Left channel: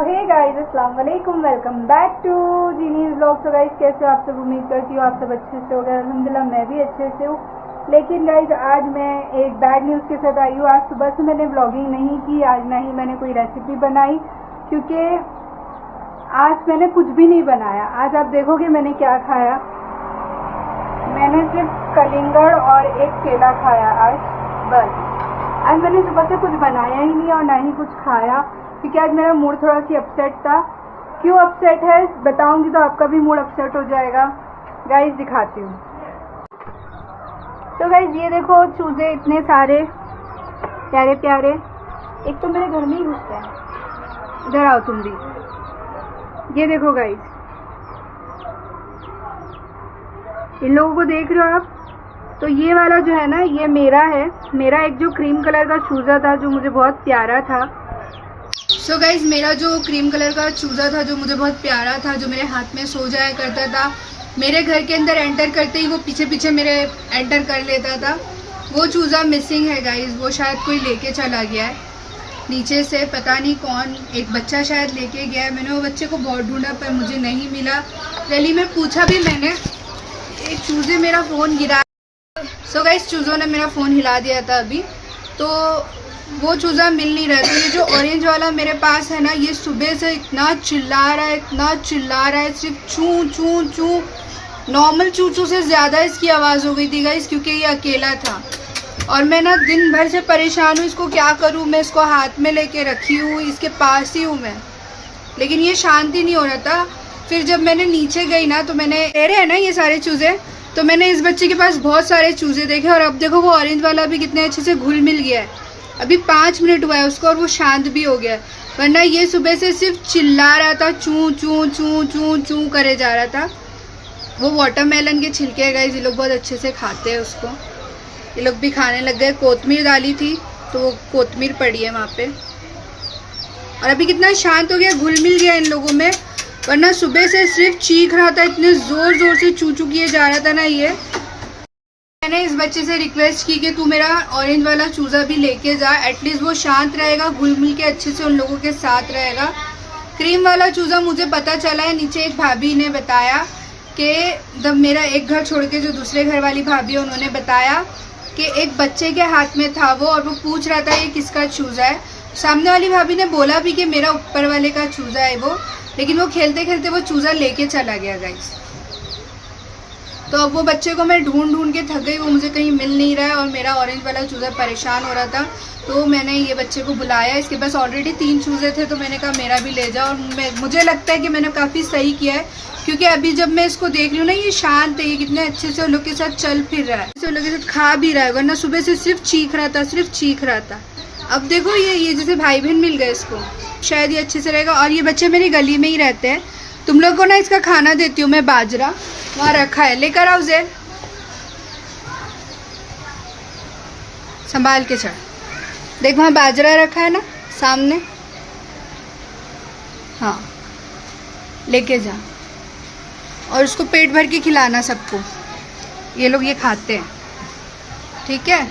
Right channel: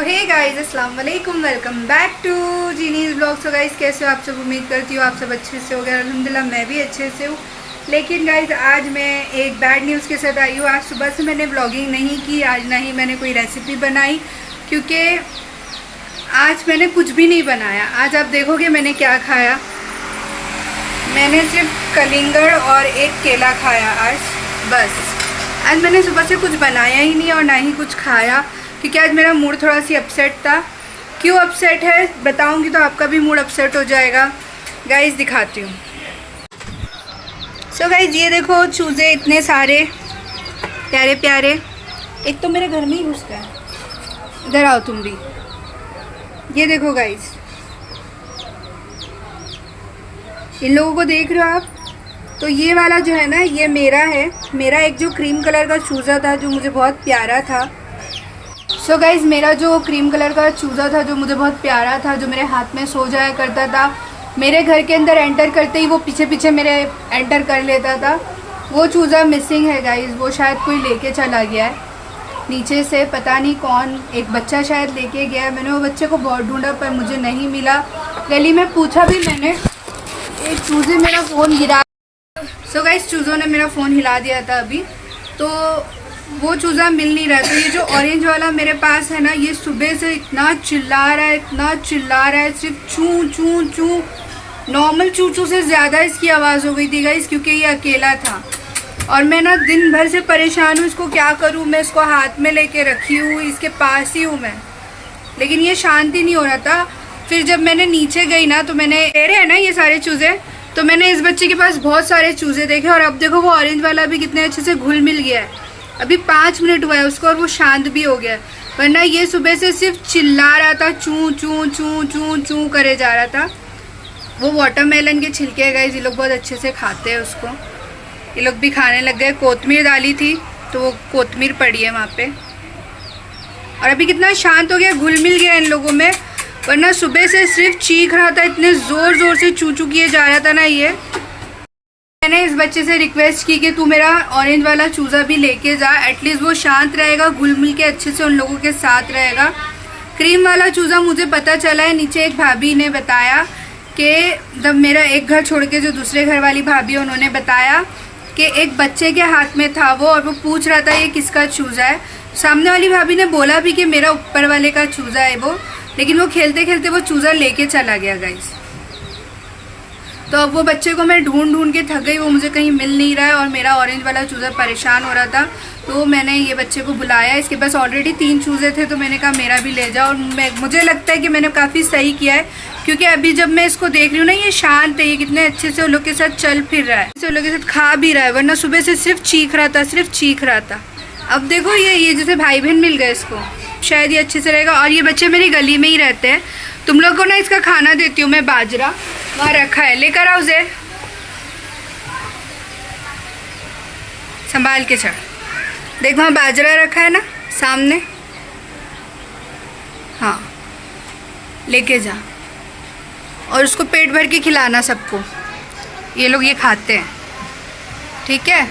तो हे गाइस, अस्सलाम वालेकुम, वेलकम बैक टू जीनीज ब्लॉग। सो गाइस, कैसे हो आप सब? उम्मीद करती हूँ आप सब अच्छे से हो गए। अल्हम्दुलिल्लाह मैं भी अच्छे से हूँ। लेकिन गाइस, आज मैं एक बैड न्यूज़ के साथ आई हूँ। आज सुबह से मैंने व्लॉगिंग नहीं की, आज ना ही मैंने कोई रेसिपी बनाई, क्योंकि आज मैंने कुछ भी नहीं बनाया। आज आप देखोगे मैंने क्या खाया। मैंने सिर्फ कलिंगड़ और एक केला खाया आज, बस। आज मैंने सुबह से कुछ बनाया ही नहीं और ना ही कुछ खाया, क्योंकि आज मेरा मूड थोड़ा सी अपसेट था। क्यों अपसेट है बताऊंगी तो आपका भी मूड अपसेट हो जाएगा। गाइस दिखाती हूँ। सो गाइस, ये देखो चूज़े इतने सारे प्यारे प्यारे। एक तो मेरे घर में ही घुस गया। इधर आओ तुम भी। ये देखो गाइस, इन लोगों को देख रहे हो आप? तो ये वाला जो है ना, ये मेरा है। मेरा एक जो क्रीम कलर का चूज़ा था जो मुझे बहुत प्यारा था। सो गाइज़, मेरा जो क्रीम कलर का चूज़ा था जो मुझे बहुत प्यारा था, जो मेरे हाथ में सो जाया करता था, मेरे घर के अंदर एंटर करते ही वो पीछे पीछे मेरे एंटर कर लेता था, वो चूज़ा मिसिंग है गाइज़। वो शायद कोई लेके चला गया है नीचे से, पता नहीं कौन, एक बच्चा शायद लेके गया है। मैंने वो बच्चे को बहुत ढूंढा पर मुझे नहीं मिला। गली में पूछा भी मैंने। एक चूज़े मेरा फ़ोन गिरा। सो गाइज़, चूज़ों ने मेरा फ़ोन हिला दिया था अभी, तो वो चूज़ा मिल नहीं रहा। तो ये जो ऑरेंज वाला मेरे पास है ना, ये सुबह से इतना चिल्ला रहा है, इतना चिल्ला रहा है, सिर्फ चूँ चूँ चूँ। नॉर्मल चूँ चूँ से ज़्यादा इसकी आवाज़ हो गई थी गाइस, क्योंकि ये अकेला था। और मैं ना दिन भर से परेशान हूँ, इसको क्या करूँ। मैं इसको हाथ में लेके रखी हूँ, इसके पास ही हूँ मैं, लेकिन ये शांति नहीं हो रहा था। फिर जब मैंने नीचे गई ना, तो मैंने रहे हैं ना ये सारे चूज़े, तो मैंने इस बच्चे के पास बहुत सारे चूज़े देखे। और अब देखो वो ऑरेंज वाला भी कितने अच्छे से घुल मिल गया है। अभी 5 मिनट हुआ है उसको और वो शांत भी हो गया। वरना ये सुबह से सिर्फ चिल्ला रहा था, चूँ चूँ चूँ चूँ चूँ करे जा रहा था। वो वाटरमेलन के छिलके गए, ये लोग बहुत अच्छे से खाते हैं उसको। ये लोग भी खाने लग गए। कोतमीर डाली थी तो वो कोतमीर पड़ी है वहाँ पे। और अभी कितना शांत हो गया, घुल मिल गया इन लोगों में। वरना सुबह से सिर्फ चीख रहा था, इतने ज़ोर ज़ोर से चू चू किए जा रहा था ना ये। मैंने इस बच्चे से रिक्वेस्ट की कि तू मेरा ऑरेंज वाला चूज़ा भी लेके जा, एटलीस्ट वो शांत रहेगा, घुल मिल के अच्छे से उन लोगों के साथ रहेगा। क्रीम वाला चूज़ा मुझे पता चला है, नीचे एक भाभी ने बताया कि जब मेरा एक घर छोड़ के जो दूसरे घर वाली भाभी है, उन्होंने बताया कि एक बच्चे के हाथ में था वो, और वो पूछ रहा था ये किसका चूज़ा है। सामने वाली भाभी ने बोला भी कि मेरा ऊपर वाले का चूज़ा है वो, लेकिन वो खेलते खेलते वो चूज़ा लेके चला गया गाइस। तो अब वो बच्चे को मैं ढूंढ ढूंढ के थक गई, वो मुझे कहीं मिल नहीं रहा है और मेरा ऑरेंज वाला चूज़ा परेशान हो रहा था। तो मैंने ये बच्चे को बुलाया। इसके पास ऑलरेडी 3 चूज़े थे, तो मैंने कहा मेरा भी ले जाओ। और मुझे लगता है कि मैंने काफ़ी सही किया है, क्योंकि अभी जब मैं इसको देख रही हूँ ना, ये शांत है, ये कितने अच्छे से उन लोग के साथ चल फिर रहा है, उन लोग के साथ खा भी रहा है। वरना सुबह से सिर्फ चीख रहा था, सिर्फ चीख रहा था। अब देखो ये जैसे भाई बहन मिल गए इसको, शायद ये अच्छे से रहेगा। और ये बच्चे मेरी गली में ही रहते हैं। तुम लोग को ना इसका खाना देती हूँ मैं, बाजरा वहाँ रखा है, लेकर आओ ज़ेर, संभाल के चढ़। देख वहाँ बाजरा रखा है ना सामने, हाँ लेके जा। और उसको पेट भर के खिलाना सबको, ये लोग ये खाते हैं, ठीक है।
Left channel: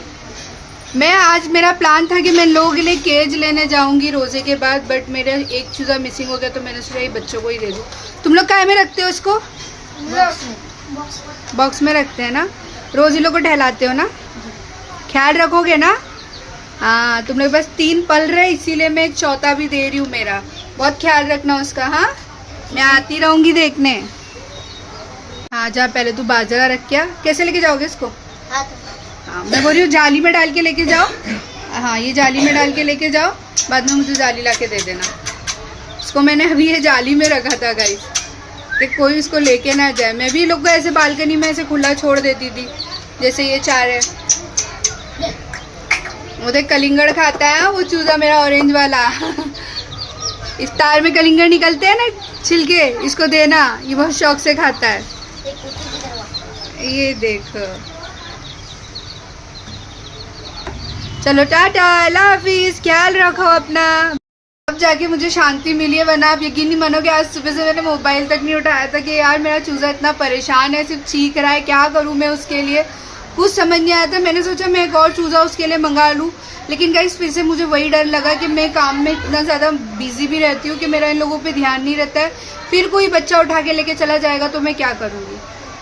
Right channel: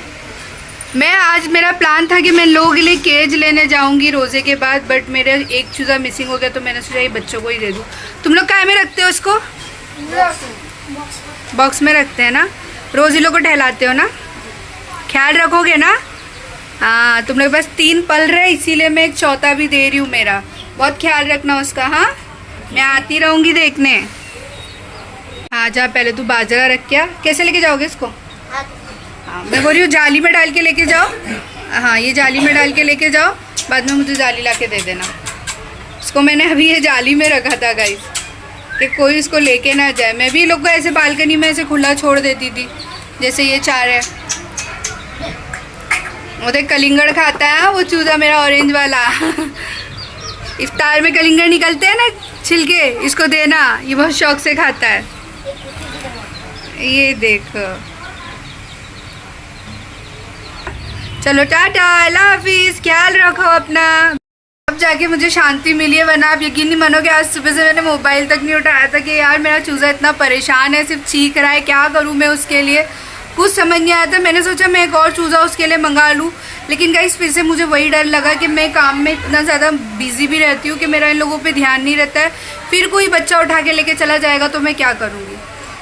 मैं आज मेरा प्लान था कि मैं लोगों के लिए केज लेने जाऊंगी रोज़े के बाद, बट मेरा एक चूज़ा मिसिंग हो गया, तो मैंने सोचा ये बच्चों को ही दे दूँ। तुम लोग काय में रखते हो इसको? बॉक्स में रखते हैं ना। रोज़ ही लोग को टहलाते हो ना, ख्याल रखोगे ना? हाँ, तुम लोग बस 3 पल रहे, इसीलिए मैं एक चौथा भी दे रही हूँ मेरा। बहुत ख्याल रखना उसका। हाँ, मैं आती रहूँगी देखने। हाँ जा, पहले तू बाजरा रख। क्या कैसे लेके जाओगे इसको? हाँ, मैं बोल रही हूँ जाली में डाल के लेके जाओ। हाँ, ये जाली में डाल के लेके जाओ, बाद में मुझे जाली ला के दे देना। इसको मैंने अभी ये जाली में रखा था गाइस, कि कोई इसको लेके ना जाए। मैं भी लोग को ऐसे बालकनी में ऐसे खुला छोड़ देती थी, जैसे ये चार है। वो देख कलिंगड़ खाता है वो चूज़ा मेरा ऑरेंज वाला। इफ्तार में कलिंगड़ निकलते हैं ना छिलके, इसको देना, ये बहुत शौक से खाता है। ये देख, चलो टाटा, अल्लाह हाफिज़, ख्याल रखो अपना। अब जाके मुझे शांति मिली है, वरना आप यकीन नहीं मानोगे, आज सुबह से मैंने मोबाइल तक नहीं उठाया था कि यार मेरा चूज़ा इतना परेशान है, सिर्फ चीख रहा है, क्या करूँ मैं उसके लिए। कुछ समझ नहीं आया था। मैंने सोचा मैं एक और चूज़ा उसके लिए मंगा लूँ, लेकिन गाइस फिर से मुझे वही डर लगा कि मैं काम में इतना ज़्यादा बिजी भी रहती हूँ कि मेरा इन लोगों पे ध्यान नहीं रहता है। फिर कोई बच्चा उठा के लेके चला जाएगा तो मैं क्या करूँगी।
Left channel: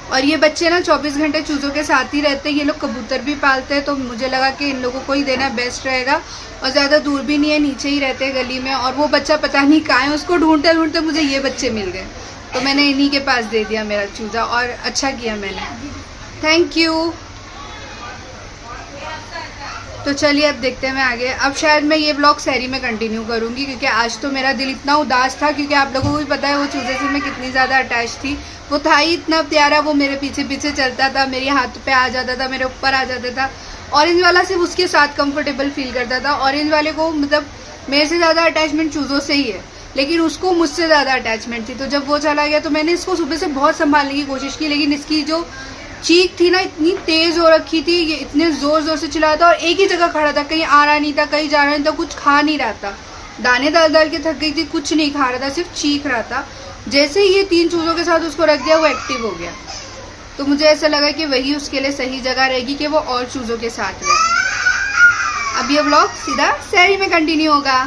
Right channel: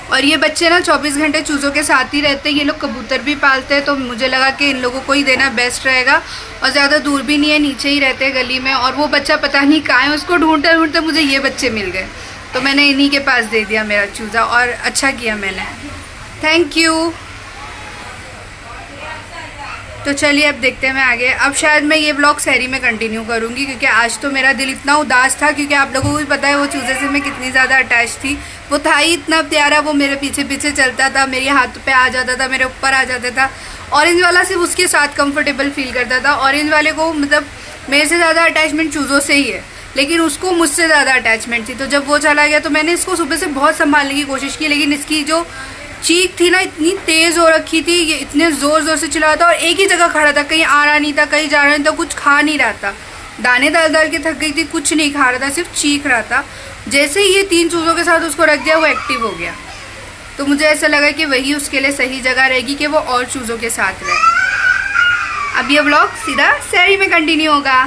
और ये बच्चे ना 24 घंटे चूज़ों के साथ ही रहते हैं। ये लोग कबूतर भी पालते हैं, तो मुझे लगा कि इन लोगों को ही देना बेस्ट रहेगा। और ज़्यादा दूर भी नहीं है, नीचे ही रहते हैं गली में। और वो बच्चा पता नहीं कहाँ है, उसको ढूंढते ढूंढते मुझे ये बच्चे मिल गए, तो मैंने इन्हीं के पास दे दिया मेरा चूज़ा। और अच्छा किया मैंने, थैंक यू। तो चलिए अब देखते हैं मैं आगे। अब शायद मैं ये व्लॉग शहरी में कंटिन्यू करूँगी, क्योंकि आज तो मेरा दिल इतना उदास था, क्योंकि आप लोगों को भी पता है वो चूज़े से मैं कितनी ज़्यादा अटैच थी। वो था ही इतना प्यारा, वो मेरे पीछे पीछे चलता था, मेरे हाथ पे आ जाता था, मेरे ऊपर आ जाता था। ऑरेंज वाला सिर्फ उसके साथ कंफर्टेबल फील करता था। ऑरेंज वाले को मतलब मेरे से ज़्यादा अटैचमेंट चूज़ों से ही है, लेकिन उसको मुझसे ज़्यादा अटैचमेंट थी। तो जब वो चला गया तो मैंने इसको सुबह से बहुत संभालने की कोशिश की, लेकिन इसकी जो चीख थी ना इतनी तेज हो रखी थी, ये इतने जोर जोर से चिल्ला था और एक ही जगह खड़ा था, कहीं आ रहा नहीं था, कहीं जा रहा नहीं था, कुछ खा नहीं रहा था। दाने डाल डाल के थक गई थी, कुछ नहीं खा रहा था, सिर्फ चीख रहा था। जैसे ही ये 3 चूज़ों के साथ उसको रख दिया वो एक्टिव हो गया। तो मुझे ऐसा लगा कि वही उसके लिए सही जगह रहेगी कि वो और चूज़ों के साथ रहे। अब ये व्लॉग सीधा शहरी में कंटिन्यू होगा।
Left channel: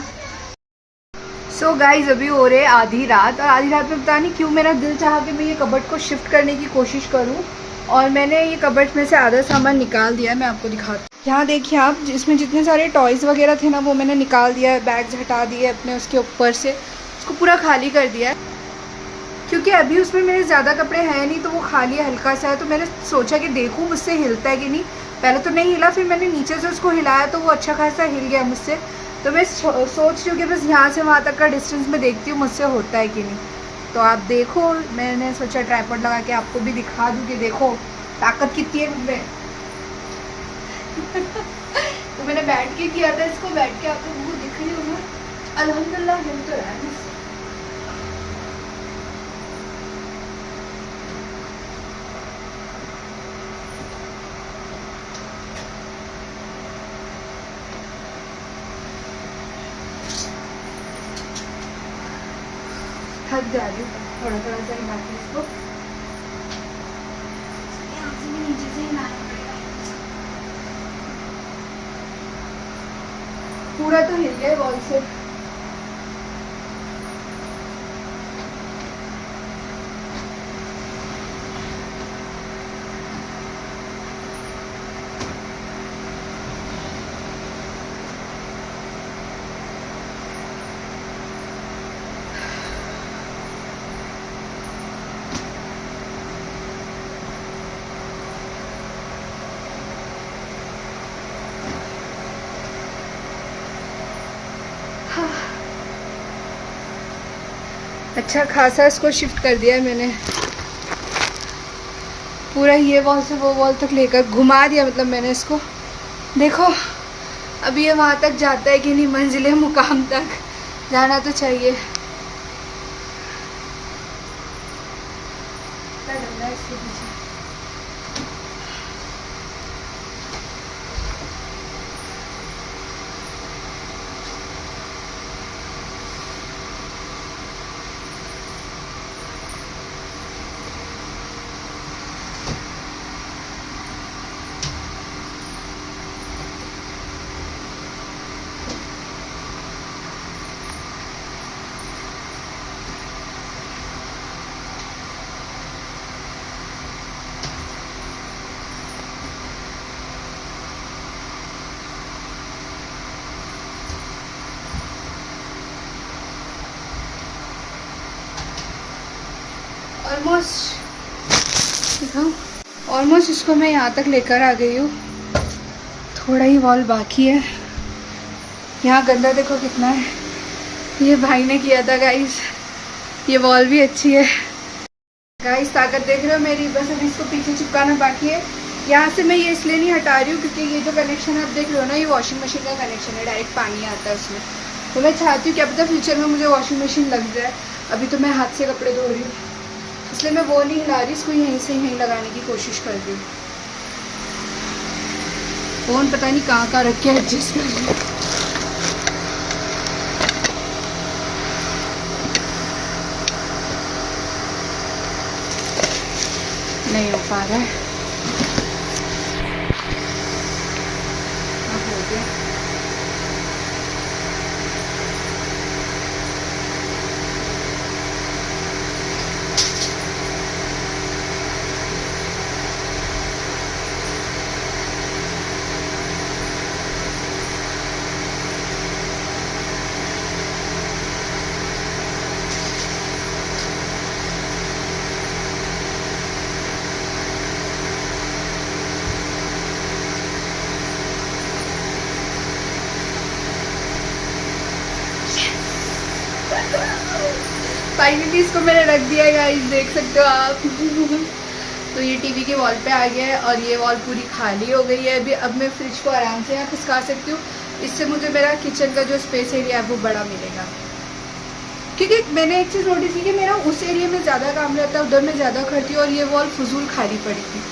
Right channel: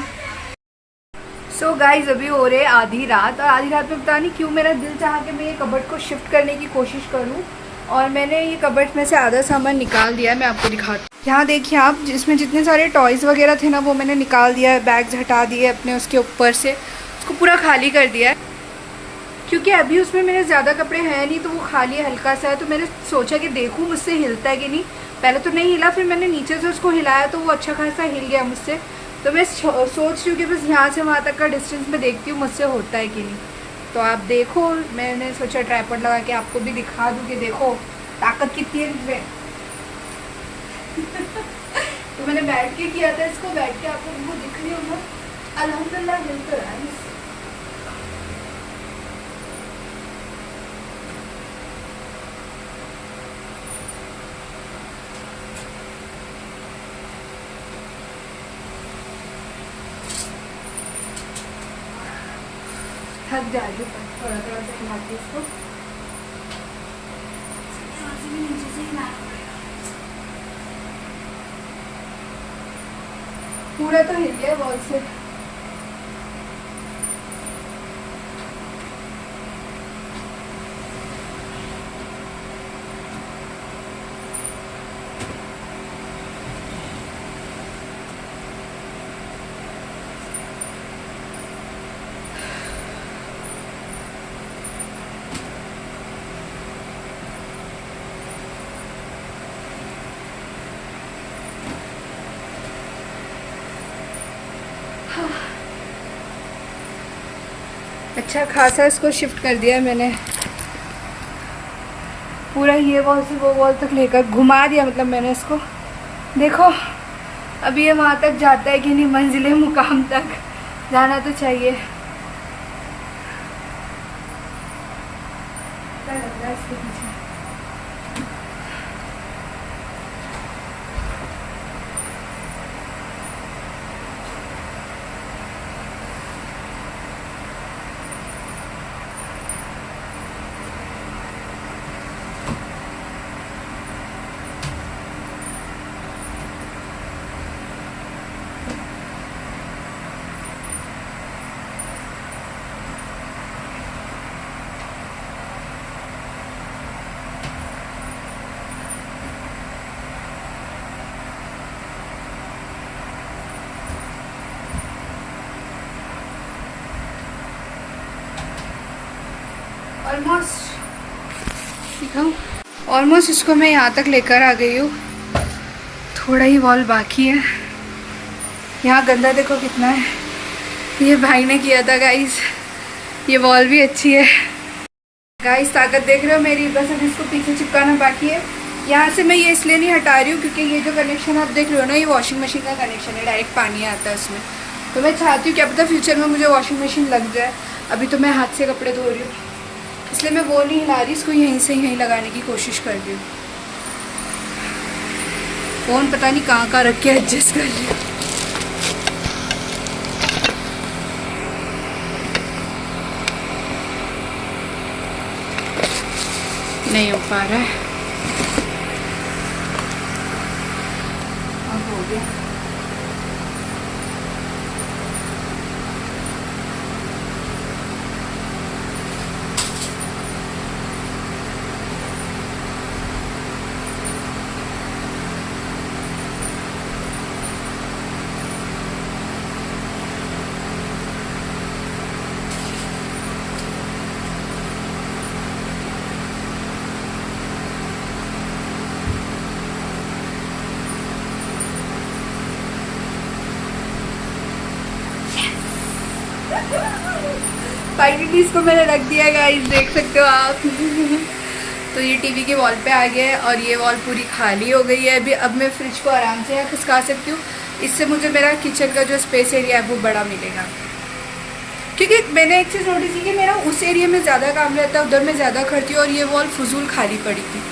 सो गाइज अभी हो रहे आधी रात, और आधी रात में पता नहीं क्यों मेरा दिल चाहा कि मैं ये कबर्ड को शिफ्ट करने की कोशिश करूँ। और मैंने ये कबर्ड में से आधा सामान निकाल दिया है, मैं आपको दिखाती हूँ। यहाँ देखिए आप, इसमें जितने सारे टॉयज़ वगैरह थे ना वो मैंने निकाल दिया है, बैग्स हटा दिए अपने उसके ऊपर से, उसको पूरा खाली कर दिया है। क्योंकि अभी उसमें मेरे ज़्यादा कपड़े हैं नहीं, तो वो खाली हल्का सा है। तो मैंने सोचा कि देखूँ मुझसे हिलता है कि नहीं। पहले तो नहीं हिला, फिर मैंने नीचे से उसको हिलाया तो वो अच्छा खासा हिल गया मुझसे। तो मैं सोच रही हूँ कि बस यहाँ से वहाँ तक का डिस्टेंस में देखती हूँ मुझसे होता है कि नहीं। तो आप देखो, मैंने सोचा ट्राइपॉड लगा के आपको भी दिखा दूँ कि देखो ताकत कितनी है मुझमें। तो मैंने बैठ के किया था इसको, बैठ के आप लोगों को दिख रही हूँ अल्हम्दुलिल्लाह हिल तो रहा है। थक जा रही हूँ, थोड़ा थोड़ा सा हिलाती हूँ इसको। यहाँ से भी नीचे से हिलाना पड़ेगा। पूरा तो हिल गया वॉल से। अच्छा खासा इसको शिफ्ट कर दिया है मैंने, पूरा ये वॉल से वो वॉल तक लेकर घुमा दिया। मतलब मैंने इसको, देखो अब ये वहाँ तक जाता है कि नहीं, मंजिले मुकाम तक जाना तो चाहिए। क्या लग रहा है इसके पीछे? ऑलमोस्ट इसको मैं यहाँ तक लेकर आ गई हूँ। थोड़ा ही वॉल बाकी है। यहाँ गंदा देखो कितना है, ये भाई ने किया था गाइस। ये वॉल भी अच्छी है गाइस, ताकत देख रहे हो मेरी। बस अब इसको पीछे चिपकाना बाकी है। यहाँ से मैं ये इसलिए नहीं हटा रही हूँ क्योंकि ये जो कनेक्शन आप देख रहे हो ना, ये वॉशिंग मशीन का कनेक्शन है, डायरेक्ट पानी आता है उसमें। तो मैं चाहती हूँ क्या पता फ्यूचर में मुझे वॉशिंग मशीन लग जाए। अभी तो मैं हाथ से कपड़े धो रही हूँ, इसलिए मैं वो नहीं हिला रही, इसको यहीं से यहीं लगाने की कोशिश कर रही हूँ। फ़ोन पता नहीं कहाँ कहाँ रख के एडजस्ट कर रही हूँ। नहीं हो पा रहा है। हो गया। फाइनली इसको मैंने रख दिया है गाइस, देख सकते हो आप। तो ये टीवी के वॉल पे आ गया है और ये वॉल पूरी खाली हो गई है अभी। अब मैं फ्रिज को आराम से यहाँ खिसका सकती हूँ। इससे मुझे मेरा किचन का जो स्पेस एरिया है वो बड़ा मिलेगा, क्योंकि मैंने एक चीज़ नोटिस की कि मेरा उस एरिया में ज़्यादा काम रहता है, उधर मैं ज़्यादा करती हूँ और ये वॉल फजूल खाली पड़ी थी,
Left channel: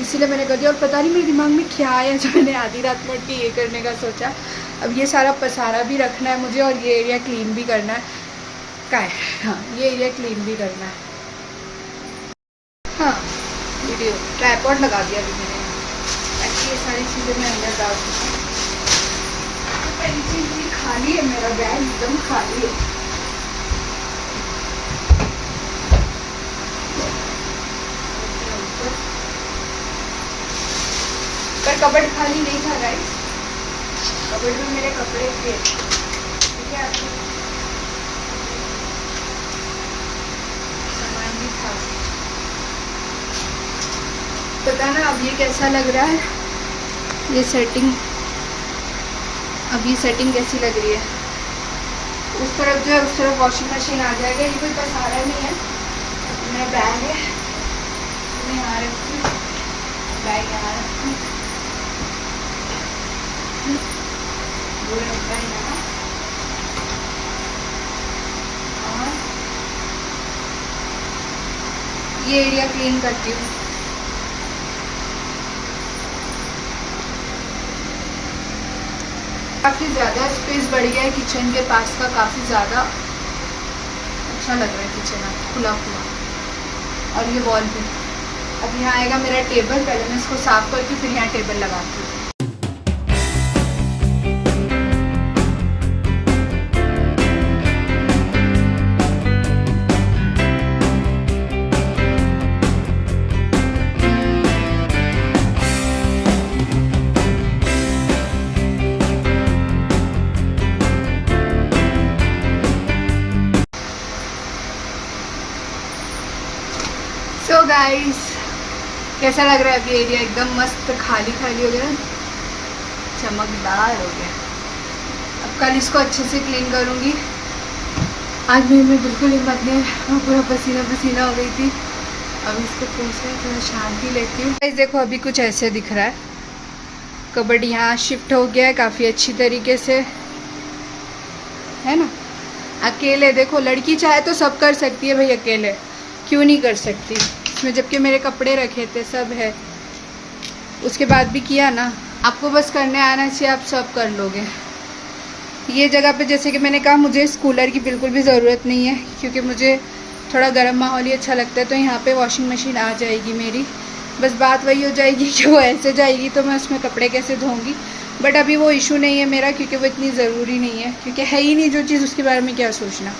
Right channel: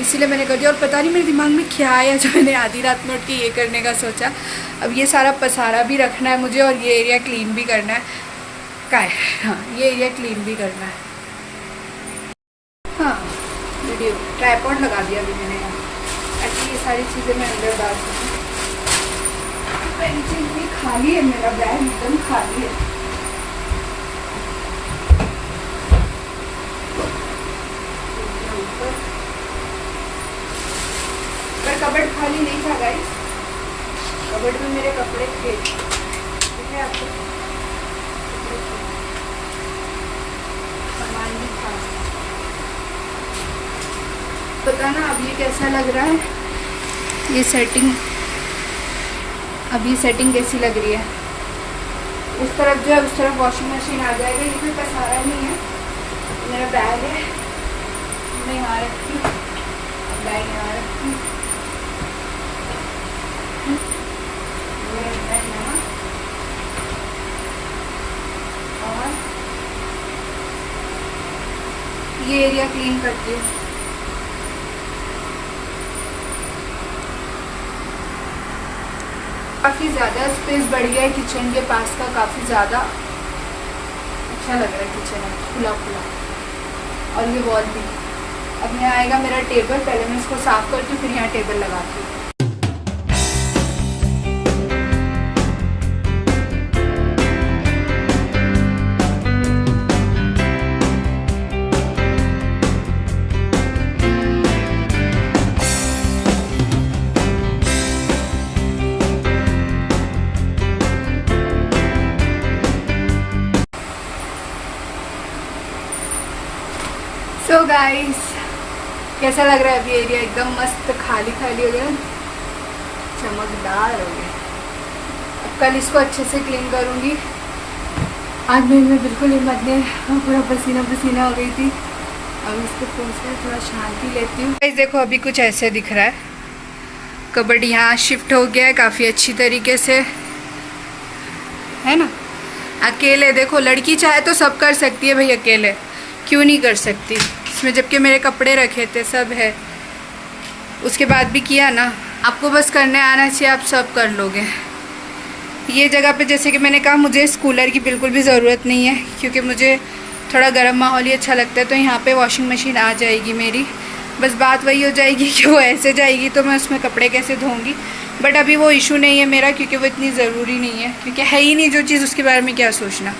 इसीलिए मैंने कर दिया। और पता नहीं मेरे दिमाग में क्या आया जो मैंने आधी रात में उठ के ये करने का सोचा। अब ये सारा पसारा भी रखना है मुझे और ये एरिया क्लीन भी करना है। क्या है, हाँ ये एरिया क्लीन भी करना है। हाँ वीडियो ट्राइपॉड लगा दिया अभी मैंने, ताकि ये सारी चीज़ें मैं अंदर डाल सकूँ। तो खाली है, मेरा बैग एकदम खाली है। पर कबर्ड खाली नहीं था गाइस, कबर्ड में मेरे कपड़े थे, ठीक है आपको सामान भी था। पता ना अब ये कैसा लग रहा है, ये सेटिंग, अब ये सेटिंग कैसी लग रही है। उस तरफ जो है उस तरफ वॉशिंग मशीन आ जाएगा, ये कोई पसारा नहीं है। मेरा बैग है, मैं यहाँ रखती हूँ, बैग यहाँ रखती हूँ। और ये एरिया क्लीन करती हूँ। काफ़ी ज़्यादा स्पेस बढ़ गया है किचन के पास का, काफ़ी ज़्यादा अच्छा लग रहा है किचन अब खुला खुला। और ये वॉल भी, अब यहाँ आएगा मेरा टेबल, पहले मैं इसको साफ़ करती हूँ फिर यहाँ टेबल लगाती हूँ। सो गाइस कैसा लग रहा है अभी एरिया, एकदम मस्त खाली खाली हो गया, चमकदार हो गया। अब कल इसको अच्छे से क्लीन करूँगी। आज मैं बिल्कुल हिम्मत नहीं है, पूरा पसीना पसीना हो गई थी। अब इसको फिर से थोड़ा शांति लेती हूँ। गाइस देखो अभी कुछ ऐसे दिख रहा है, कबर्ड यहाँ शिफ्ट हो गया है काफ़ी अच्छी तरीके से, है ना। अकेले देखो, लड़की चाहे तो सब कर सकती है भाई, अकेले क्यों नहीं कर सकती इसमें, जबकि मेरे कपड़े रखे थे सब है, उसके बाद भी किया ना। आपको बस करने आना चाहिए, आप सब कर लोगे। ये जगह पे जैसे कि मैंने कहा मुझे इस कूलर की बिल्कुल भी ज़रूरत नहीं है, क्योंकि मुझे थोड़ा गर्म माहौल ही अच्छा लगता है। तो यहाँ पे वॉशिंग मशीन आ जाएगी मेरी, बस बात वही हो जाएगी कि वो ऐसे जाएगी तो मैं उसमें कपड़े कैसे धोऊँगी। बट अभी वो इशू नहीं है मेरा, क्योंकि वो इतनी ज़रूरी नहीं है, क्योंकि है ही नहीं जो चीज़, उसके बारे में क्या सोचना।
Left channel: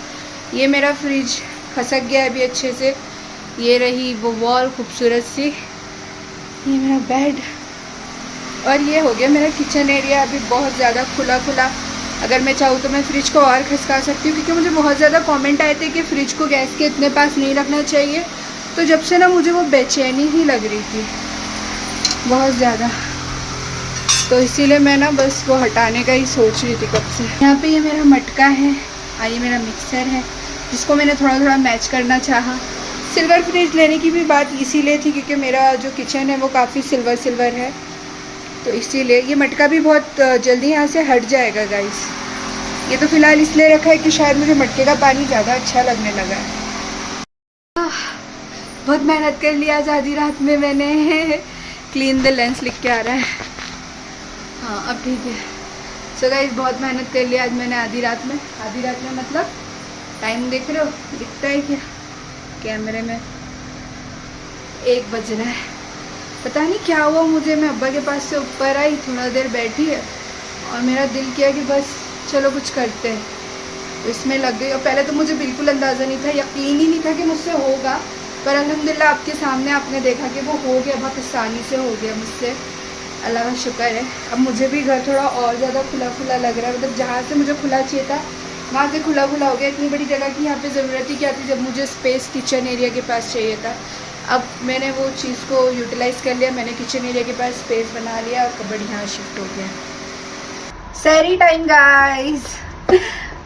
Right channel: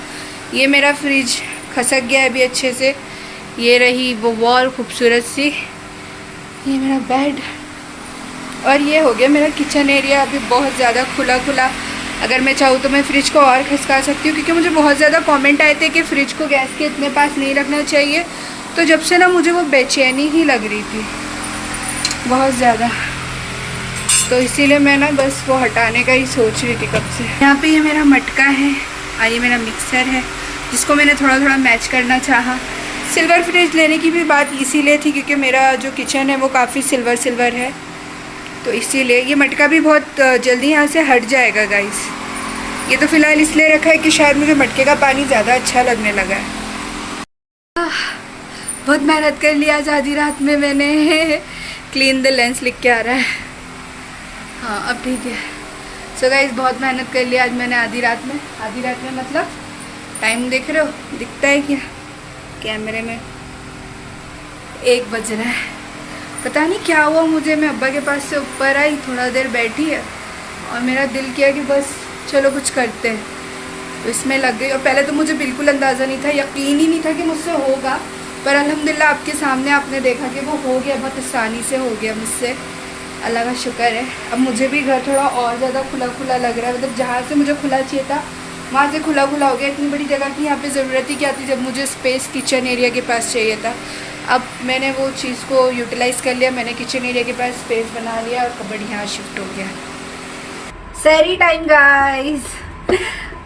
ये मेरा फ्रिज खसक गया है अभी अच्छे से, ये रही वो वॉल खूबसूरत सी, ये मेरा बेड, और ये हो गया मेरा किचन एरिया अभी बहुत ज़्यादा खुला खुला। अगर मैं चाहूँ तो मैं फ्रिज को और खसका सकती हूँ, क्योंकि मुझे बहुत ज़्यादा कमेंट आए थे कि फ्रिज को गैस के इतने पास नहीं रखना चाहिए। तो जब से ना मुझे वो बेचैनी ही लग रही थी बहुत ज़्यादा, तो इसीलिए मैं ना बस वो हटाने का ही सोच रही थी कब से। यहाँ पे ये मेरा मटका है और ये मेरा मिक्सर है, जिसको मैंने थोड़ा थोड़ा मैच करना चाहा। सिल्वर फ्रिज लेने की भी बात इसीलिए थी क्योंकि मेरा जो किचन है वो काफ़ी सिल्वर सिल्वर है, तो इसीलिए। ये मटका भी बहुत जल्दी यहाँ से हट जाएगा गाइस। ये तो फ़िलहाल इसलिए रखा है कि शायद मुझे मटके का पानी ज़्यादा अच्छा लगने लगा है। बहुत मेहनत कर लिया आज आधी रात में मैंने। क्लीन द लेंस लिख के आ रहा है, हाँ अब ठीक है। सो गाइस बहुत मेहनत कर लिया आज मैंने आधी रात में मतलब टाइम देख रहे हो, दिखता है क्या कैमरे में, 1 बज रहा है। पता नहीं क्या हुआ मुझे, मैं अब्बा के पास से ऊपर आई, थोड़ा देर बैठी है और मेरा दिल किया कि बस चलो कुछ करते हैं, तो इसमें लग गई। और पहले तो मुझे बिल्कुल अंदाज़ा नहीं था, यकीन ही नहीं था कि मुझसे होगा, पर अल्हम्दुलिल्लाह आपके सामने आपने देखा कि वो हो गया, बहुत आसानी से हो गया मुझसे, अल्लाह का शुक्र है। अब मुझे भी घर थोड़ा और ज़्यादा खुला खुला लग रहा है, मतलब जहाँ से मुझे खुला चाहिए था वहाँ से खुला खुला हो गया। इतनी बड़ी जगह की यहाँ पे ज़रूरत ही क्या थी जब मुझे स्पेस किचन एरिया के पास चाहिए था। अब मैंने वो चीज़ को यूटिलाइज़ कर लिया, मैंने किचन एरिया के पास स्पेस बना लिया और कबर्ड यहाँ शिफ्ट हो गया। सहरी टाइम गाइस।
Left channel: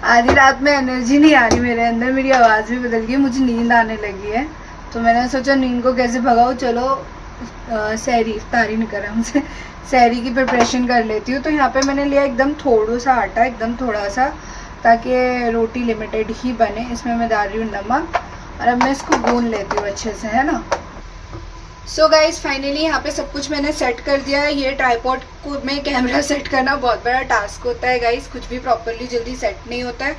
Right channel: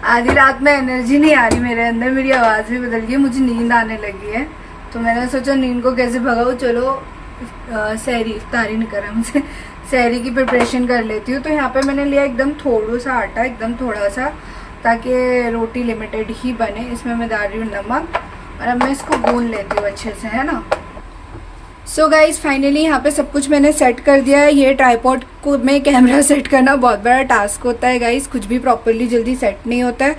आधी रात में एनर्जी नहीं आ रही मेरे अंदर, मेरी आवाज़ भी बदल गई, मुझे नींद आने लगी है, तो मैंने सोचा नींद को कैसे भगाऊँ, चलो सहरी इफ्तारी नहीं करा मुझे, सहरी की प्रिपरेशन कर लेती हूँ। तो यहाँ पे मैंने लिया एकदम थोड़ा सा आटा, एकदम थोड़ा सा, ताकि रोटी लिमिटेड ही बने। इसमें मैं डाल रही हूँ नमक और अब मैं इसको गूंद लेती हूँ अच्छे से, है ना। सो गाइज फाइनली यहाँ पे सब कुछ मैंने सेट कर दिया है। ये ट्राइपॉड को में कैमरा सेट करना बहुत बड़ा टास्क होता है गाइज, कुछ भी प्रॉपरली जल्दी सेट नहीं होता है,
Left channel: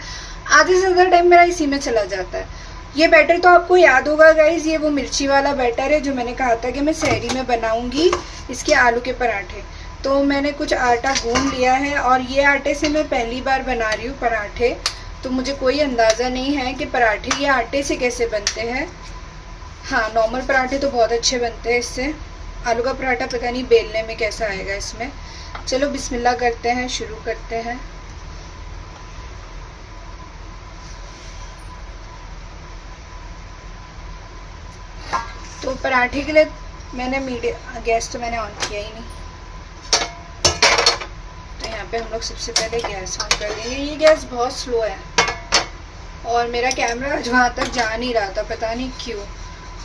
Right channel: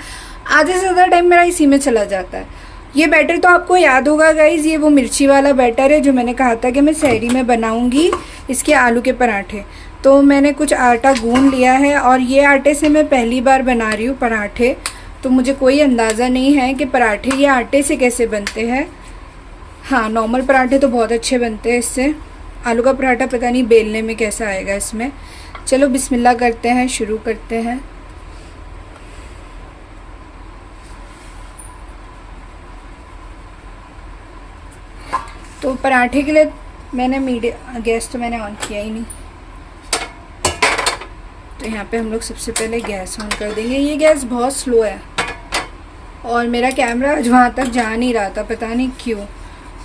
आधे से ज़्यादा टाइम मेरा इसी में चला जाता है। ये बैटर तो आपको याद होगा गाइज, ये वो मिर्ची वाला बैटर है जो मैंने कहा था कि मैं सहरी में बनाऊंगी इसके आलू के पराठे। तो मैंने कुछ आटा गूंद लिया है और ये आटे से मैं पहली बार बना रही हूँ पराठे, तो मुझे कोई अंदाज़ा नहीं है कि पराठे ये आटे से कैसे बनते हैं। हाँ, नॉर्मल पराठे तो बहुत अच्छे बनते हैं इससे, आलू का पराठा पता नहीं बेलने में कैसा आएगा इसमें। चलो बिस्मिल्लाह करते हैं, शुरू करते हैं। तो पराठे के लिए मैंने मीडियम गैस तो मैंने ऑन किया ही नहीं, तो यहाँ पे हम लोग सबसे पहले गैस ऑन कर देंगे। ये गैस बहुत स्लो है और मेरा कैमरा आज वहाँ तक जा नहीं रहा था, पता नहीं क्यों,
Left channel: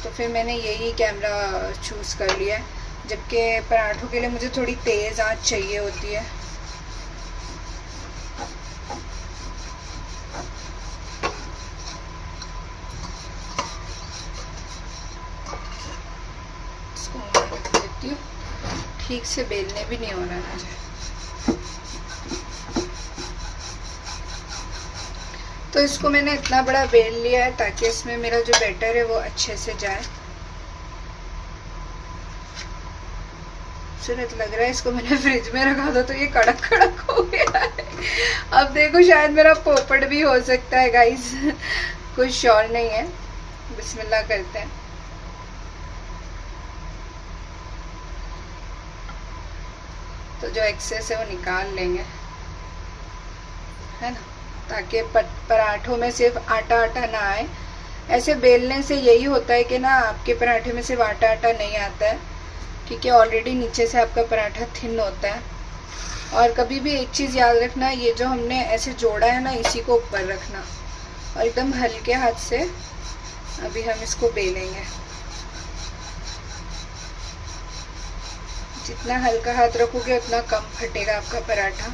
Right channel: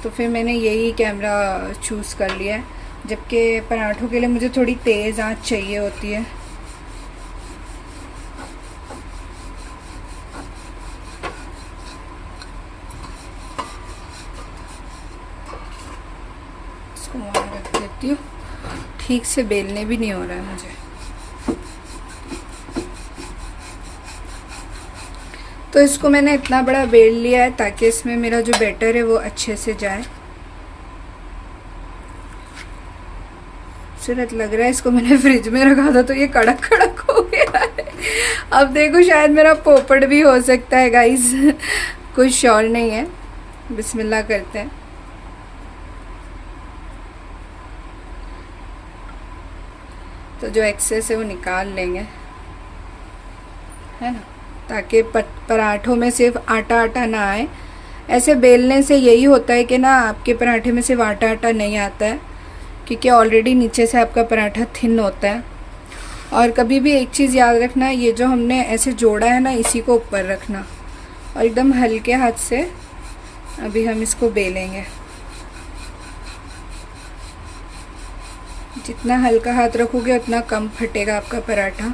तो फिर मैंने यही कैमरा चूज़ कर लिया है, जबकि पराठों के लिए मुझे थोड़ी तेज़ आंच चाहिए होती है। इसको वहाँ रख देती हूँ, ठीक से बेलने भी नहीं हो रहा है मुझे। तो इसको मैंने इतना बड़ा बेल लिया है ताकि इसमें मेरा जो बैटर है वो अच्छे से जाए। खूबसूरत लग रहा है, इसको मैंने फ्रिज में रखा था तो ये कड़क कड़क हो गया है। अब देखो शायद मेरा पोपड़ भी हो सकता है गाइस, कुछ श्योर नहीं है। बिस्मिल्लाह करते हैं। तो जो एक्सेस है वो निकाल लेंगे, है ना, ताकि पराठों में सिर्फ आटा आटा ना आए। ऐसे बेलने से यही होता है कि ना आपके पराठे में सिर्फ आटा आटा नहीं आता है, क्योंकि ऑलरेडी नीचे से आपका पराठा थिन होता है। और कभी भी एक चीज़ याद रखना, ये जो हमने ऐसे जोड़ा है ना, इसी को ऊपर रखना और एकदम हल्के हाथ से अभी हम इसको बेलेंगे। जितना हल्का हाथ रखोगे उतना कम फटेगा आपका पराठा।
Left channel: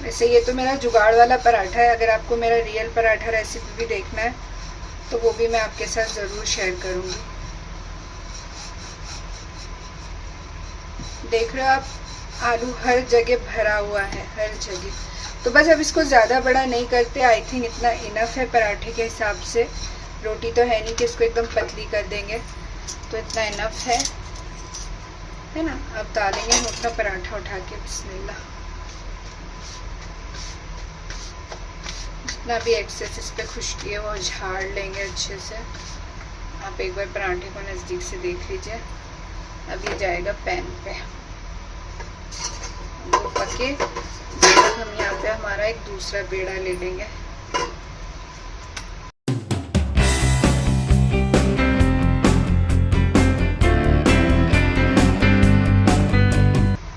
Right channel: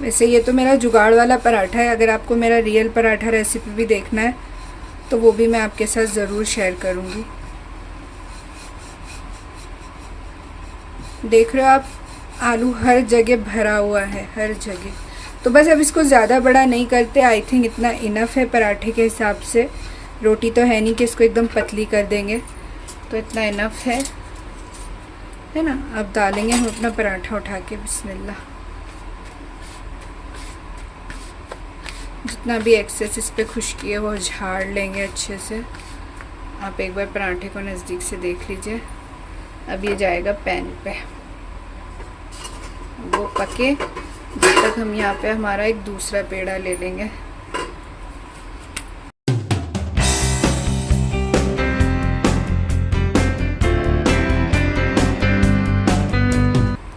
वैसे ये तो मेरा जुगाड़ वाला पराठा है, अगर आपको मेरा रियल पराठा रेसिपी भी देखना है तो वो भी मैं आपके साथ ज़रूर शेयर करूँगी। देख रहे हो आप, आलू हर जगह भरा हुआ है, हर जगह। तो बस अब इसको ज़्यादा बड़ा नहीं करते, आई थिंक इतना इनफ है पराठे के हिसाब से। रोटी तो है नहीं कि इसको एकदम पतली कर देंगे, तो इतना इनफ है ना। अब डालेंगे हम अपना पराठा उठा के, बिस्मिल्लाह। जितना भी एक्सेस इस पे खुश्की है वो झाड़ लेंगे अच्छे से। आप एक बार पराठे को नज़दीक से देख लीजिए। अब ये जाएगा पैन पे, वो पके जब तक हम यहाँ पे हमारा एक दूसरा पेड़ा ले लेंगे।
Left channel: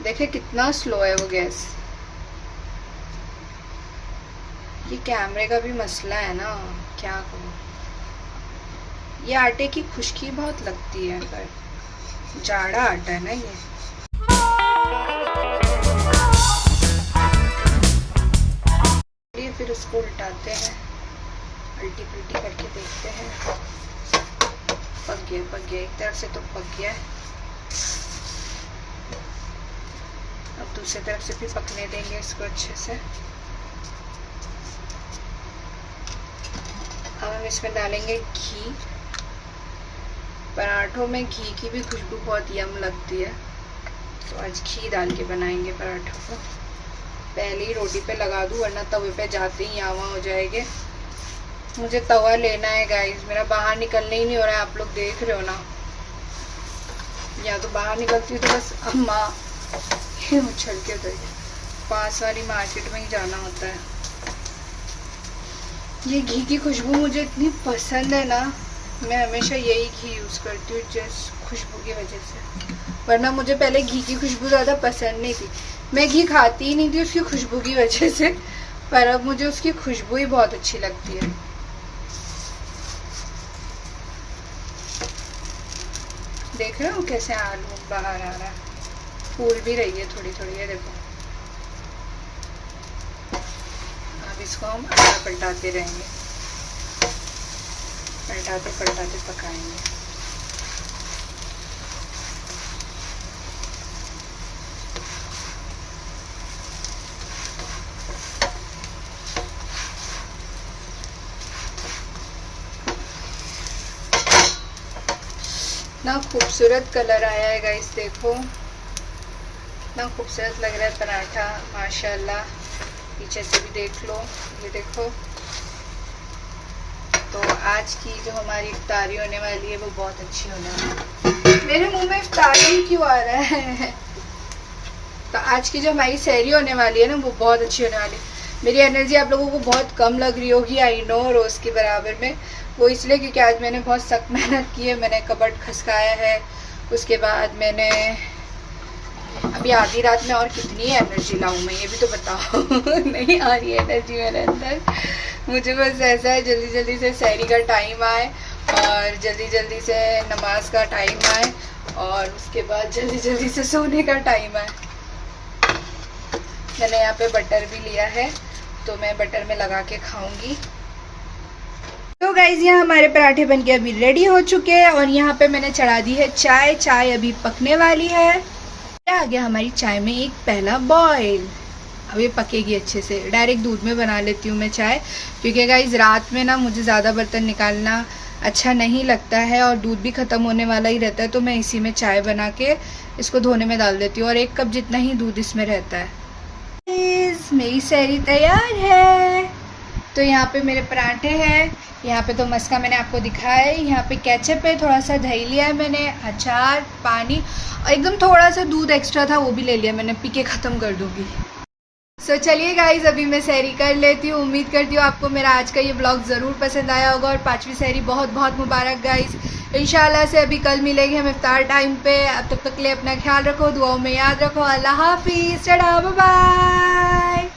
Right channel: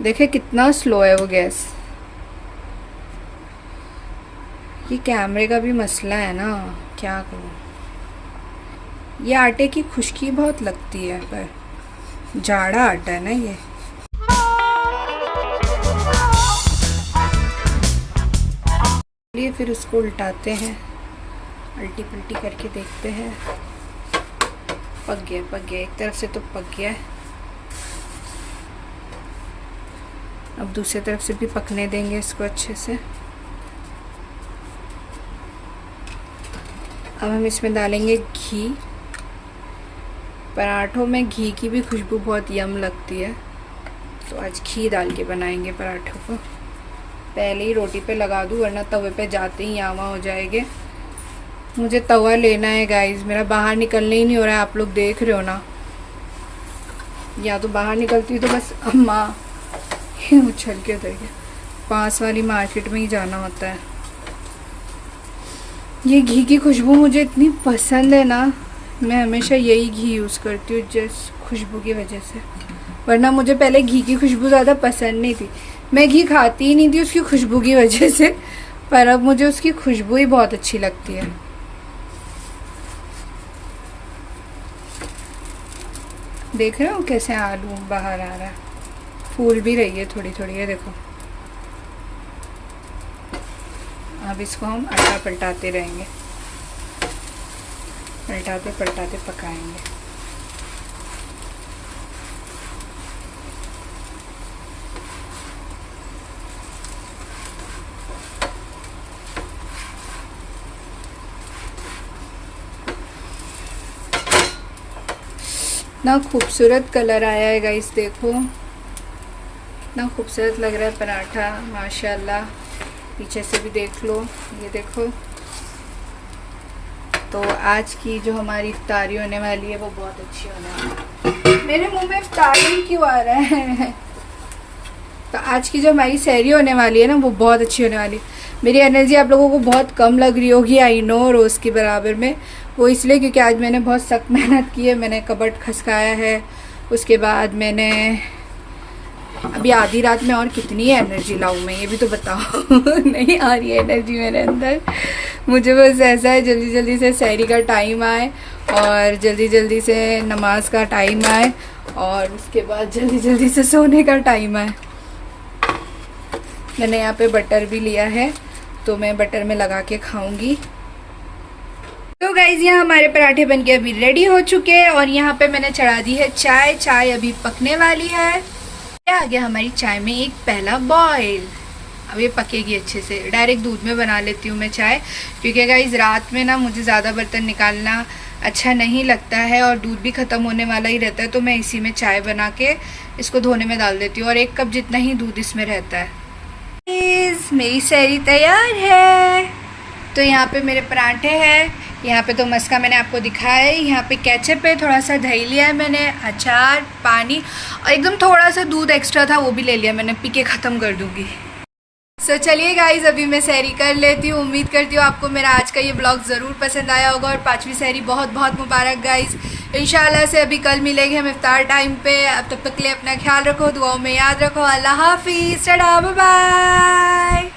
देखिए कितना स्लो है वो गैस। ये कैमरे का भी मसला है ना, क्या करूँ। ये आटे की खुश्की बहुत लगती है, पर जाड़ा आटा है ना ये। फिर उसको उल्टाते हैं, उल्टी पुल्टी करके देखते हैं। पक गया, एक तरफ से तो पक गया है। अब दूसरी तरफ से भी पकने देंगे इसको अच्छे से। अब हम इसमें डालेंगे घी। पराठों में घी की भी खुशबू बहुत यम लगती है, तो आज घी डाल के बनाएंगे पराठों को। पहले ही रोटी पे लगा दूँ वरना तवे पे जाते ही यहाँ हो जाएंगे। मुझे तवा लेना है गाइस, मेरा बाहर निकलने ही नहीं हो रहा है, आप लोग देख रहे हो ना। या तो बाहर निकलती हूँ तो बस अम्मा उछल के देंगे, पास वाली मार्केट में ही जाना होता है। ये घी की खुशबू मुझे इतनी पसंद है ना, मैं हमेशा यही घी यूज़ करती हूँ जस्ट खुशबू की वजह से। वरना मुझे पहले घी की खुशबू ज़्यादा पसंद नहीं थी, मैं घी खाती ही नहीं थी उसकी खुशबू की वजह से, पर अब मुझे उसकी खुशबू ही बहुत अच्छी लगती है। देख रहे हो कैसे आलू बाहर आ रहा है, फूल भी रही है थोड़ी थोड़ी, ये देखो। अब इसको हम आटा पलटाते रहेंगे, पलटाते पलटाते पकाएंगे। ना खूबसूरत कलर आया है गाइस, देखो ना खूबसूरत लग रहा है पराठा, माशाल्लाह। पीछे से भी देख लो, ये देखो। तो आज की जो हमारी इफ्तारी होने वाली है वो बहुत अच्छी होने वाली है। मेरे मुंह में इफ्तारी क्यों आ रहा है? तो आज की जो हमारी सहरी होने वाली है ना वो बहुत अच्छी होने वाली है। मेरी एनर्जी आप लोगों को बहुत कम लग रही होगी, आई नो, रोज़ के बराबर में। वो इसलिए क्योंकि आज मैंने बहुत सख्त मेहनत की है, मैंने कबर्ड खसकाया है, उसके बाद मैंने अभी आधी रात में और कितनी एनर्जी लाऊं मैं, ये भी तो बताओ। नहीं आ रही है एनर्जी मेरे अंदर। मुझे बस ऐसा है जल्दी जल्दी से सहरी का टाइम आए और जल्दी जल्दी से नमाज का टाइम आए और उसके बाद जल्दी जल्दी से सोने का टाइम आए। मैंने यहाँ पे बटर भी लिया है तो मैं बटर में लगा के खाऊंगी। तो गाइज यहाँ हमारे पराठे बनके अभी रेडी हो चुके हैं और यहाँ पे मैंने चढ़ा दी है चाय। चाय अभी पकने वाली है। आ गया हमारी चाय में एक पहला बॉयल। अब ये पकेगी अच्छे से। डायरेक्ट दूध में बना लेती हूँ मैं चाय, क्योंकि गाइज रात में ना मुझे ज़्यादा बर्तन निकालना अच्छा नहीं लगता है और दूध भी ख़त्म होने वाला ही रहता है, तो मैं इसी में चाय बना के इसको धोने में डाल देती हूँ और 1 कप जितना ही दूध इसमें रहता है। मेरी सहरी तैयार है। तो यहाँ पे मेरे पराठे हैं, यहाँ पे तो मस्का मैंने आपको दिखाया है, यहाँ पे केचप है, थोड़ा सा दही लिया है मैंने, अचार, पानी और एकदम थोड़ा सा दूध एक्स्ट्रा था वो भी ले लिया मैंने, पी के ख़त्म कर दूँगी। सो चलिए गाइज अभी मैं सहरी कर लेती हूँ। उम्मीद करती हूँ आपको मेरा आज का ये ब्लॉग ज़रूर पसंद आया होगा और 5वीं सहरी बहुत बहुत मुबारक गाइज। इंशाल्लाह से अभी कल मिलेंगे हम इफ्तार टाइम पे। अब तब तक के लिए अपना ख्याल रखो, दुआओं में याद रखो। अल्लाह हाफिज़, टाटा, बाय बाय।